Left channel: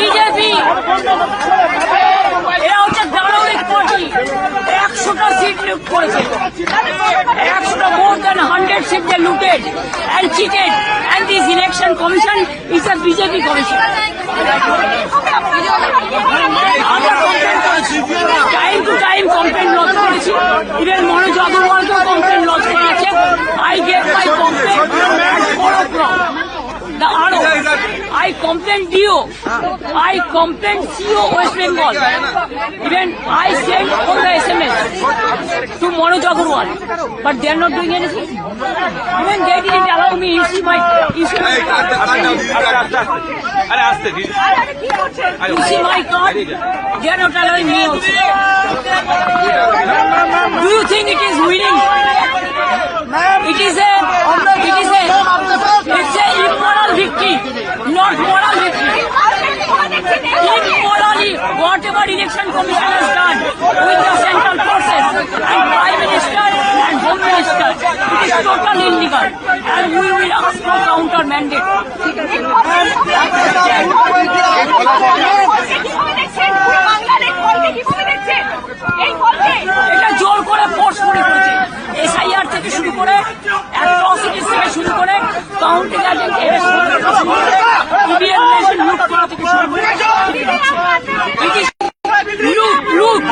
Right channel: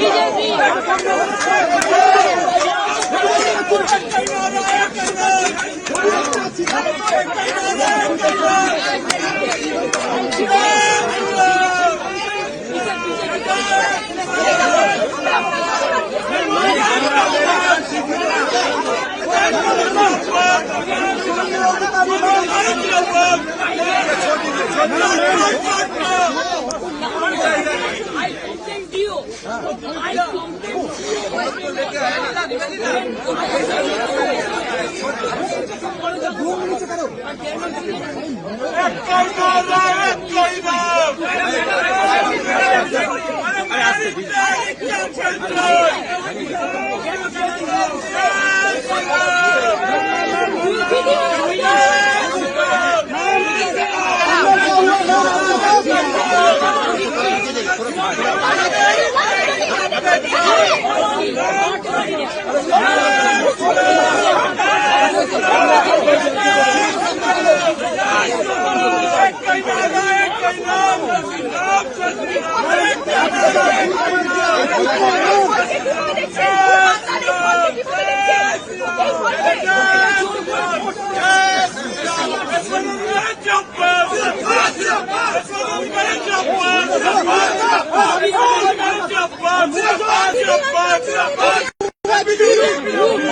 BJP এরা হচ্ছে দালালির কোটি। 100টা সিট লুট করেছে, 100টা more than 100 seats they looted and cheated, and this election commission is a BJP commission. Time to time complaint lodge করেছি, even Manoj Agrawalকেও complaint lodge করেছে. I get my complaint from the RO. I complained DO. I complained CO West Bengal. Even I sent all the SMS to Manoj Agrawal, but they are not doing anything. Even they didn't allow me to see my card. They are not allowing me. Do you think it is winning? It is a immoral victory, not moral victory. Immorally, whatever election commission has done with the central person, prime minister and home minister, it is totally illegal, and we will ask for counter mandate. এটা জোর করে force করে SIR থেকে শুরু করে atrocities থেকে শুরু করে কাউন্টি look.